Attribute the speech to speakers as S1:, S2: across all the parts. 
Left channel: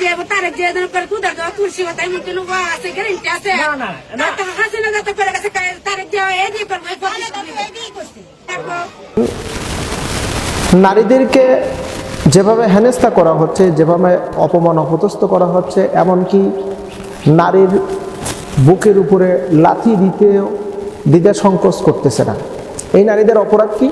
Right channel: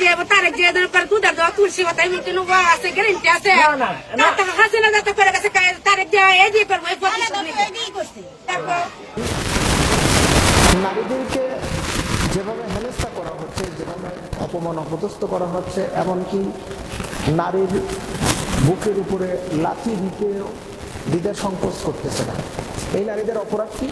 S1: করো
S2: তারেক দুধের দেওয়া তুলসী কথা এমনি লোক আছে গ্যারেন্টি আছে। হাসিনা যাতে করে গেছে তারেক দিয়ে এই দিয়ে করব এই প্রতিশোধ নিবে। তারপর?
S3: নারীদেরকে যেভাবে হেনস্থা করা হচ্ছে যেভাবে অপমান অপদস্থ করা হচ্ছে এমনকি নারীর বুকের উপরে লাথি দিতেও দিতে সংকোচ করতেছে না। এই নারীদের অপরাধ কি?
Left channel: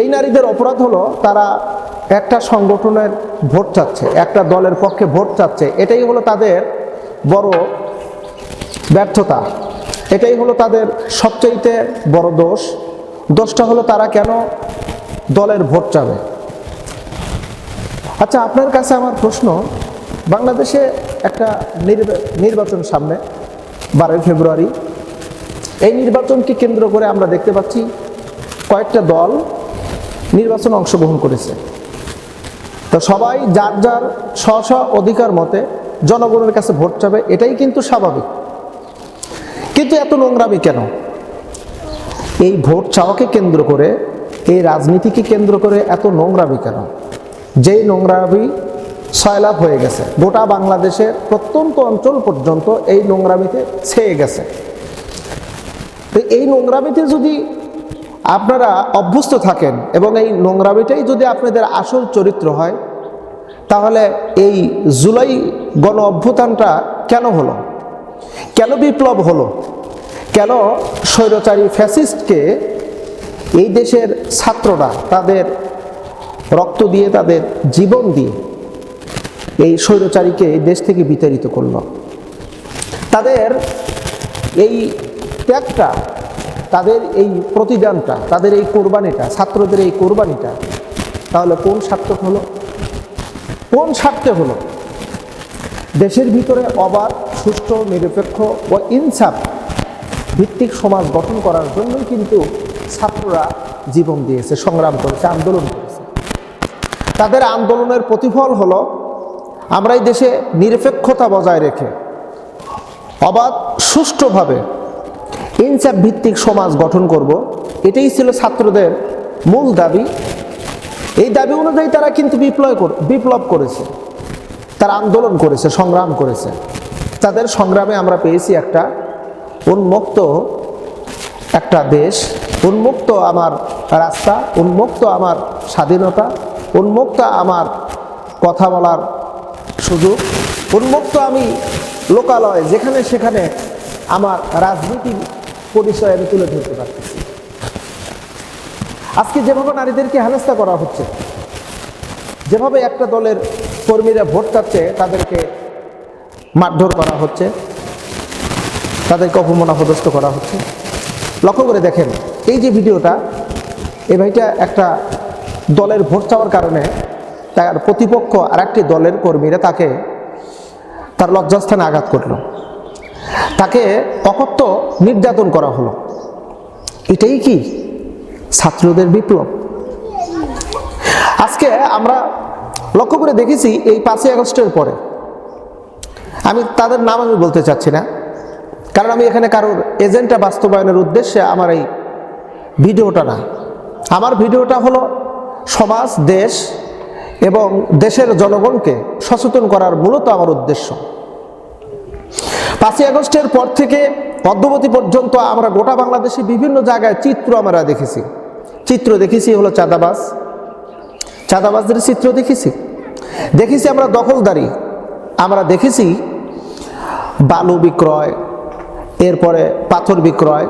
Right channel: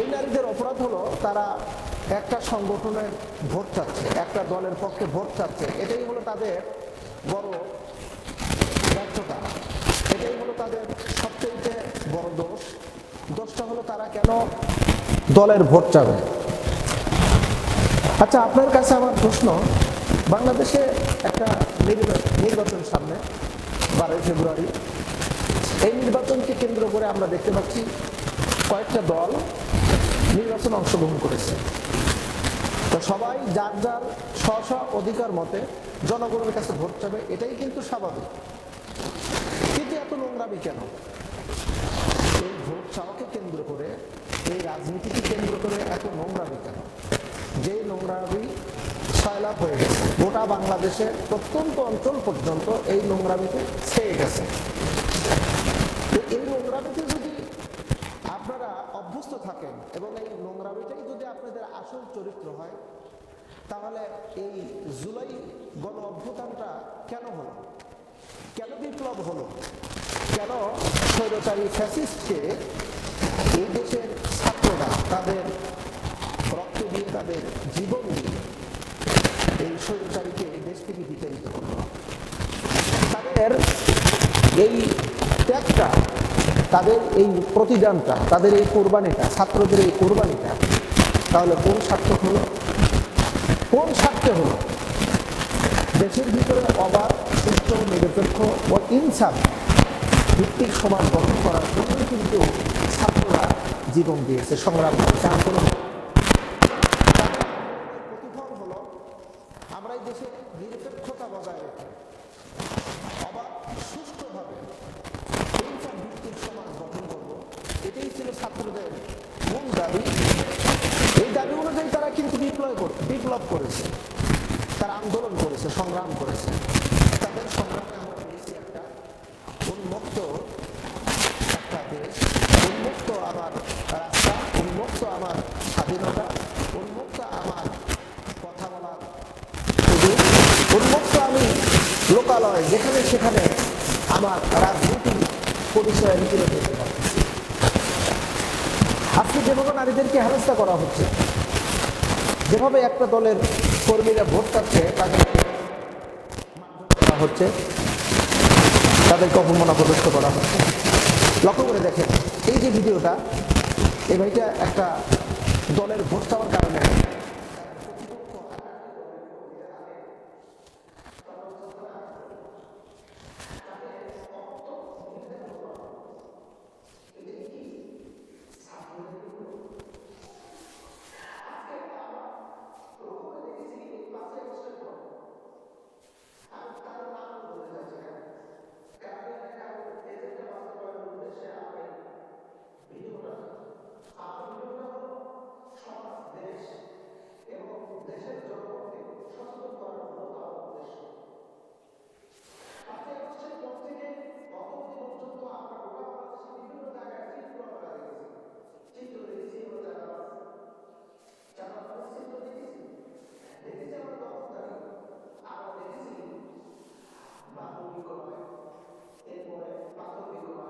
S3: এই নারীদের অপরাধ হলো তারা একটা সংগঠনের ভোট চাচ্ছে, একটা দলের পক্ষে ভোট চাচ্ছে, এটাই হলো তাদের বড় ব্যর্থতা। এটাই হলো তাদের সবচাইতে বড় দোষ। দোষটা হলো তারা কেন দলের ভোট চাবে? আচ্ছা আপনার কাছে আমার প্রশ্ন, বাংলাদেশে একটা নির্বা- নির্বাচন সামনে, বারোই ফেব্রুয়ারি। এই নির্বাচনকে কেন্দ্র করে আমরা দেখতে পাচ্ছি কয়েকটা দল নির্বাচনে অংশগ্রহণ করেছে। তো সবাই যার যার স্ব স্ব অধিকার মতে জনগণের কাছে ভোট চাবে, এটাই কিন্তু স্বাভাবিক। কিন্তু এত নোংরামি কেন? এই ভোট চাওয়াকে কেন্দ্র করে, এই রাজনীতিকে কেন্দ্র করে এত নোংরামি কেন? যেই নোংরামি সয়লাভ হয়ে গেছে, গোটা বাংলাদেশের প্রত্যন্ত অঞ্চল পর্যন্ত এই নোংরামিতে ছেয়ে গেছে। তো এই নোংরামিতে যদি আপনারা অভ্যস্ত থাকেন এবং এই নোংরামিটাই যদি আপনাদের আসল চরিত্র হয়, তাহলে এই জুলাই গণ অভ্যুত্থানটা কেন হলো? কেন বিপ্লব হলো? কেন স্বৈরচারী ফ্যাসিস্টকে এই দেশের ছাত্ররা তাদের রক্ত দিয়ে, তাদের জীবন দিয়ে এই স্বৈরচারীকে এই দেশ থেকে বিতাড়িত করল? তাদের এই ত্যাগটা তাদের এই প্রতিদানটা, তাদের এই কোরবানিটা, ছাত্রদের এই কোরবানিটা, তাহলে কোন সার্থক হলো? কোন স্বার্থে হলো? দেশের ভিতরে অবাধ, সুষ্ঠু, নিরপেক্ষ ও ইনসাফ ভিত্তিক সমাজ গঠন করার জন্যই কিন্তু ছাত্ররা জীবন দিয়েছে, সংগ্রাম করেছে, আন্দোলন করেছে। তাদের আন্দোলনের প্রতিফল হলো, আমরা এই দেশে নিরপেক্ষতা বজায় রেখে, অবাধ, সুষ্ঠুভাবে ইনসাফ ভিত্তিক সমাজ গঠন করব। এটাই ছিল ছাত্রদের মূল দাবি। এই দাবি অনুযায়ী তারা কিন্তু বিপ্লব বিপ্লব করেছে। তারা আন্দোলন করেছে, সংগ্রাম করেছে। তাদের সংগ্রামে আমরা পেয়েছি একটা উন্মুক্ত একটা দেশ, উন্মুক্ত আমার রাস্তা, উন্মুক্ত আমার স্বাধীনতা, উন্মুক্ত আমার কথা বলার সুযোগ, উন্মুক্ত আমি লোকালয় যেখানে সেখানে আমার রাজনীতির পরিচয় আমি তুলে ধরতে পারতেছি। আজকে যেভাবে নারীদেরকে হেনস্থা করা হচ্ছে, যেভাবে একটা দলের কর্মীরা ভোট চাচ্ছে, তাদেরকে মারধর করা হচ্ছে, তাদেরকে অপমান অপদস্থ করা হচ্ছে। লক্ষ্য করে দেখেন, এই যে ভিডিওটা এই ভাইটা একটা দলের ভোট চাওয়ার কারণে তার প্রতিপক্ষ আর একটি দলের কর্মীরা তাকে তার লজ্জাস্থানে আঘাত করল। তাকে অকথ্য নির্যাতন করা হলো। এটাই কি? ছাত্রদের বিপ্লব। আজকে আমরা লক্ষ্য করে দেখেছি এই পাঁচই আগস্টের পরে। আমি তাদের নাম আমি বলতে চাচ্ছি না। কারণ আমি এখানে কারোর এজেন্টটা বাস্তবায়নের উদ্দেশ্যে আমার এই ভিডিওটা না। আমার ভিডিওটা হলো সমাজ, দেশ এবং দেশের জনগণকে সচেতন করার মূলত আমার উদ্দেশ্য। পাঁচই আগস্টের পর থেকে পদ্মবতী পর্যন্ত আমরা গোটা বাংলাদেশে বিভিন্ন জায়গায় চিত্র আমরা দেখেছি। চিত্র দেখেছি হলো চাঁদাবাস চাঁদাবাজদের চিত্র দেখেছি। দেখেছি আমরা দখলদারি। আমরা দেখেছি বালু বিক্রয়, এরপরে পাথর বিক্রয়।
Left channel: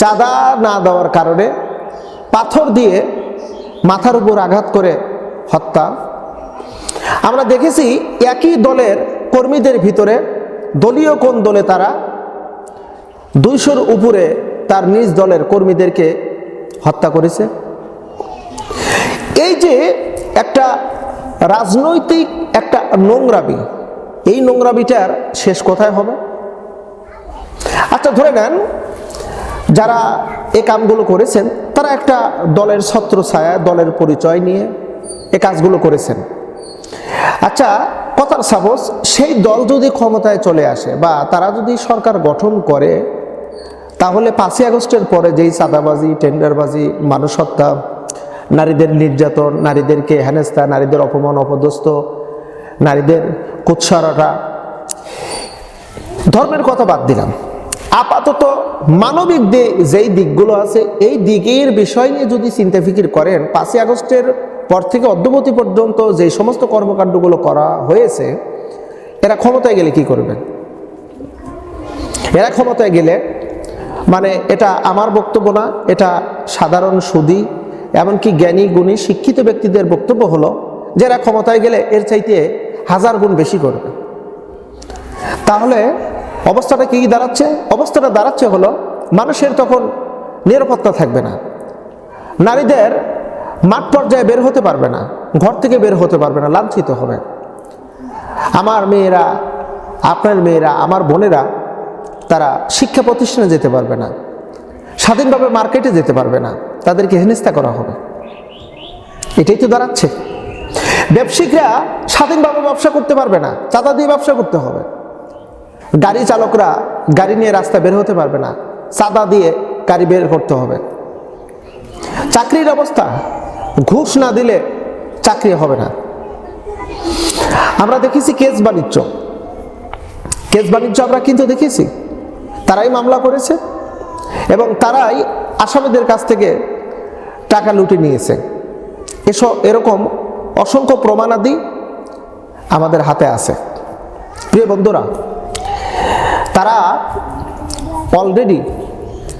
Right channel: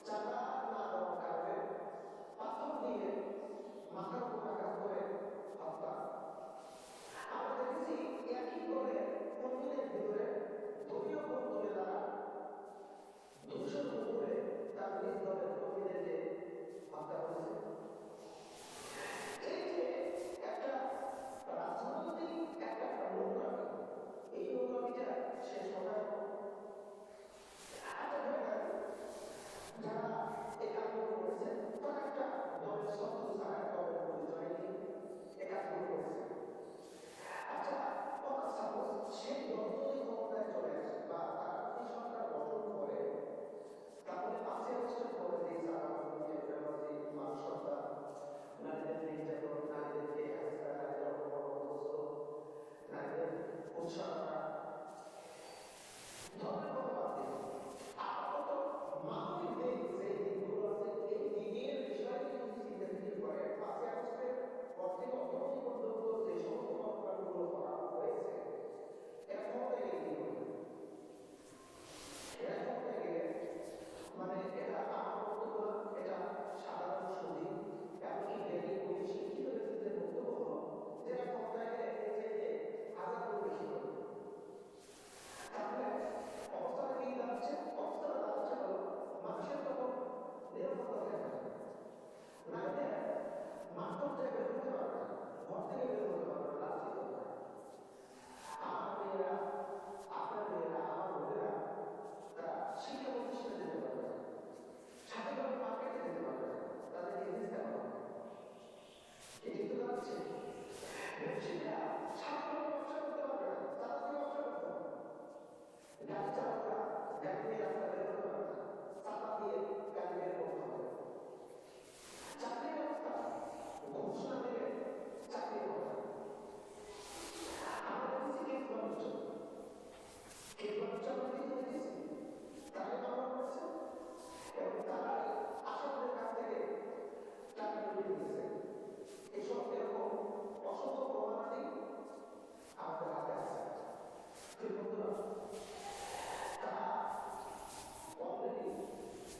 S3: চাঁদা না দেওয়ার কারণে পাথর দিয়ে মাথার উপর আঘাত করে হত্যা। আমরা দেখেছি একই দলের কর্মীদের ভিতরে দলীয় কোন দলে তারা? দুইশোর উপরে তার নিজ দলের কর্মীদেরকে হত্যা করেছে। এই যে একটা রাজনৈতিক একটা নোংরাবি এই নোংরাবিটার শেষ কোথায় হবে? আচ্ছা ধরে নেন যারা এ কামগুলো করেছেন, তারা একটা দলের ছত্র ছায়া দলের পরিচয় নিয়ে এ কাজগুলো করেছেন। আচ্ছা কথার সাপোজ সেই দল যদি ক্ষমতায় চলে আসে বা তারা যদি সরকার গঠন করে, তাহলে পাঁচই আগস্টের পরে যেই চাঁদাবাজি, টেন্ডারবাজি মানুষ হত্যা নারীদের নির্যাতন, নারীদেরকে হেনস্থা, নারীদের অপমান, অপদস্থ, নারীদের কুৎসারটা ধর্মের কথা বাদ দিলাম। আপাতত মানবিক যেই দিকগুলো আছে, এই দিকের বিষয় নিয়ে যদি চিন্তা ফিকির করেন, পাঁচই আগস্টের পর থেকে অদ্যবতী পর্যন্ত যে সমস্ত কর্মকাণ্ডগুলো করা হয়েছে, এরা ক্ষমতায় গেলে কি করবেন এরা ক্ষমতায় গেলে মানে এটা আমার বক্তব্য না, এটা সাধারণ সুদী, এমনকি জ্ঞানী, গুণী, শিক্ষিত ব্যক্তিদের বক্তব্য হলো যে এরা ক্ষমতায় গেলে এর চাইতে হাজার গুণ বেশি করবে। তাহলে অবস্থাটা কি দাঁড়াচ্ছে? অবস্থাটা দাঁড়াচ্ছে হলো, মানুষের তখন নিরাপত্তা থাকবে না। নারীদের মাঠ পর্যায়ে বের হতে পারবে না, ঘর থেকে বের হতে পারবে না, লাঞ্ছিত হবে। আমার মেয়েরা, আপনার মেয়েরা, আমার বোনেরা, তারা শিক্ষা প্রতিষ্ঠানে যেতে পারবে না, স্বাধীনভাবে মার্কেটে যেতে পারবে না, তাদেরকে হেনস্থা করা হবে। এটাই তো দাঁড়াচ্ছে। ব্যবসায়িকরা স্বাধীনভাবে ব্যবসা করতে পারবে না, চাঁদা দিয়ে ব্যবসা করতে হবে। গাড়ি চালকরা গাড়ি নিয়ে রাস্তা বের হতে পারবে না, চাঁদা দিয়ে গাড়ি বের করতে হবে। চাকরির অবস্থা ঘুষ না দিলে চাকরি হবে না। আমরা দেখেছি কেস বাণিজ্য। কেস বাণিজ্য আমরা কিন্তু দেখেছি। তারাই মামলা করেছে এবং তারাই আসামিদের কাছ থেকে টাকা লুটে নিয়েছে। এসব এরকম অসংখ্য প্রমাণাদি আমাদের হাতে আছে। প্রিয় বন্ধুরা, তারা অলরেডি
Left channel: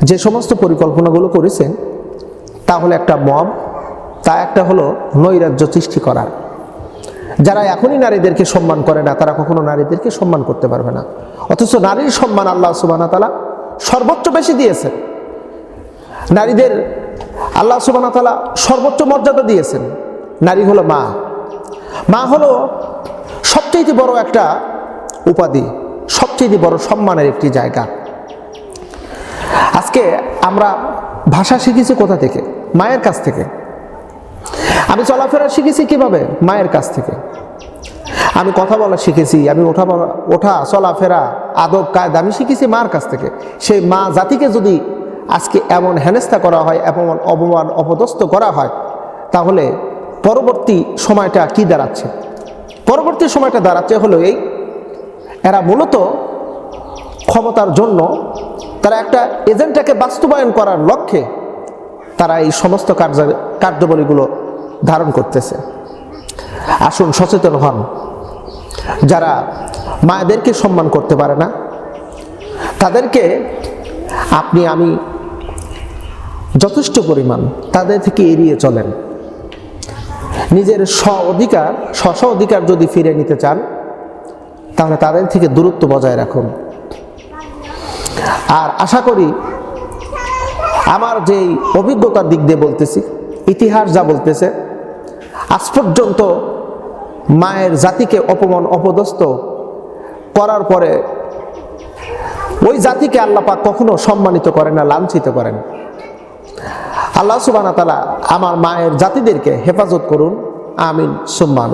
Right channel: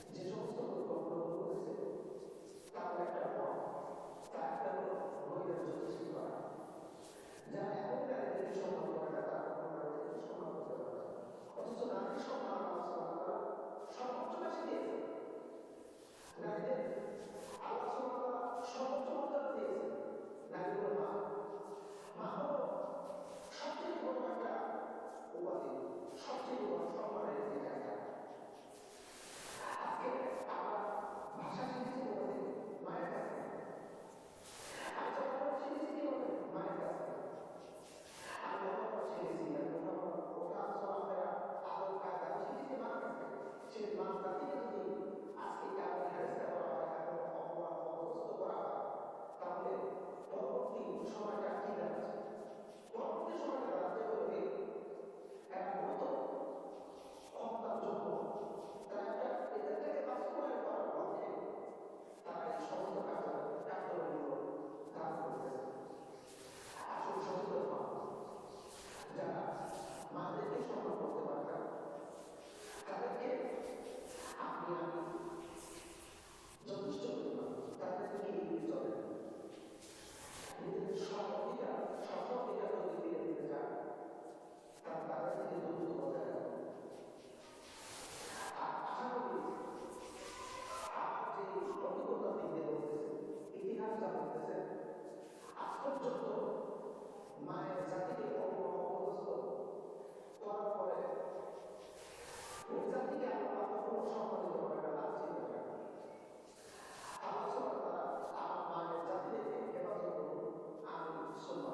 S3: যে সমস্ত পরিকল্পনাগুলো করেছেন, তা হলো একটা মব তা একটা হলো নৈরাজ্য সৃষ্টি করার যারা এখনই নারীদেরকে সম্মান করে না, তারা কখনো নারীদেরকে সম্মান করতে পারবে না। অথচ নারীর সম্মান আল্লাহ সুবানা তালা সর্বোচ্চ বেশি দিয়েছেন। নারীদের আল্লাহ সুবানা তালা সর্বোচ্চ মর্যাদা দিয়েছেন। নারী হলো মা। মা হলো সবচেয়ে বড় একটা উপাধি, সবচেয়ে বড় সম্মানের একটি জায়গা। আজকে আমরা ভাষা শিখেছি কোথা থেকে? মায়ের কাছ থেকে। আমি চলাফেরা শিখেছি কীভাবে? মায়ের কাছ থেকে। আমি কথা বলা শিখেছি, আমি ওঠা ওঠা, চলাফেরা, আদব, কায়দা, আমি শিখেছি মার কাছ থেকে। সেই মা জাতিকে যদি আজকে এমন হেনস্থা করা হয়, এমন অপমান অপদস্থ করা হয়, তাহলে পরবর্তী সময়টা কি দাঁড়াচ্ছে? পরবর্তী সময়টা দাঁড়াচ্ছে হলো এই, এরা মূলত ক্ষমতার জন্য তারা একটা এজেন্টটাকে বাস্তবায়ন করার লক্ষ্যে তারা এই সমস্ত কার্য, কার্যাবলীগুলো ধারণ করতেছে। আসুন সচেতন হন। যারা মায়েদেরকে সম্মান করতে পারে না, তাদেরকে আপনি, আমি যথেষ্ট পরিমাণ তাদের থেকে এড়িয়ে চলেন। নিজের স্ব অধিকার স্ব অধিকার যদি ফিরে নিতে চান, তাহলে তাদের থেকে দূরত্ব বজায় রাখুন। আর আশা করি আমার যেই অভিজ্ঞতার দিক দিয়ে বলতেছি, ইতিহাস যা বলতেছে আজ পর্যন্ত মায়ের জাতিকে অপমান, অপদস্থ করার পরে ওই জাতিকে আল্লাপাক কখনো সম্মানিত করেন না, লাঞ্ছিত করেন। আল্লাহ সুবানা তালা আমার মায়ের জাতিদেরকে হেফাজত করুন। আমিন, সুম্মা আমিন।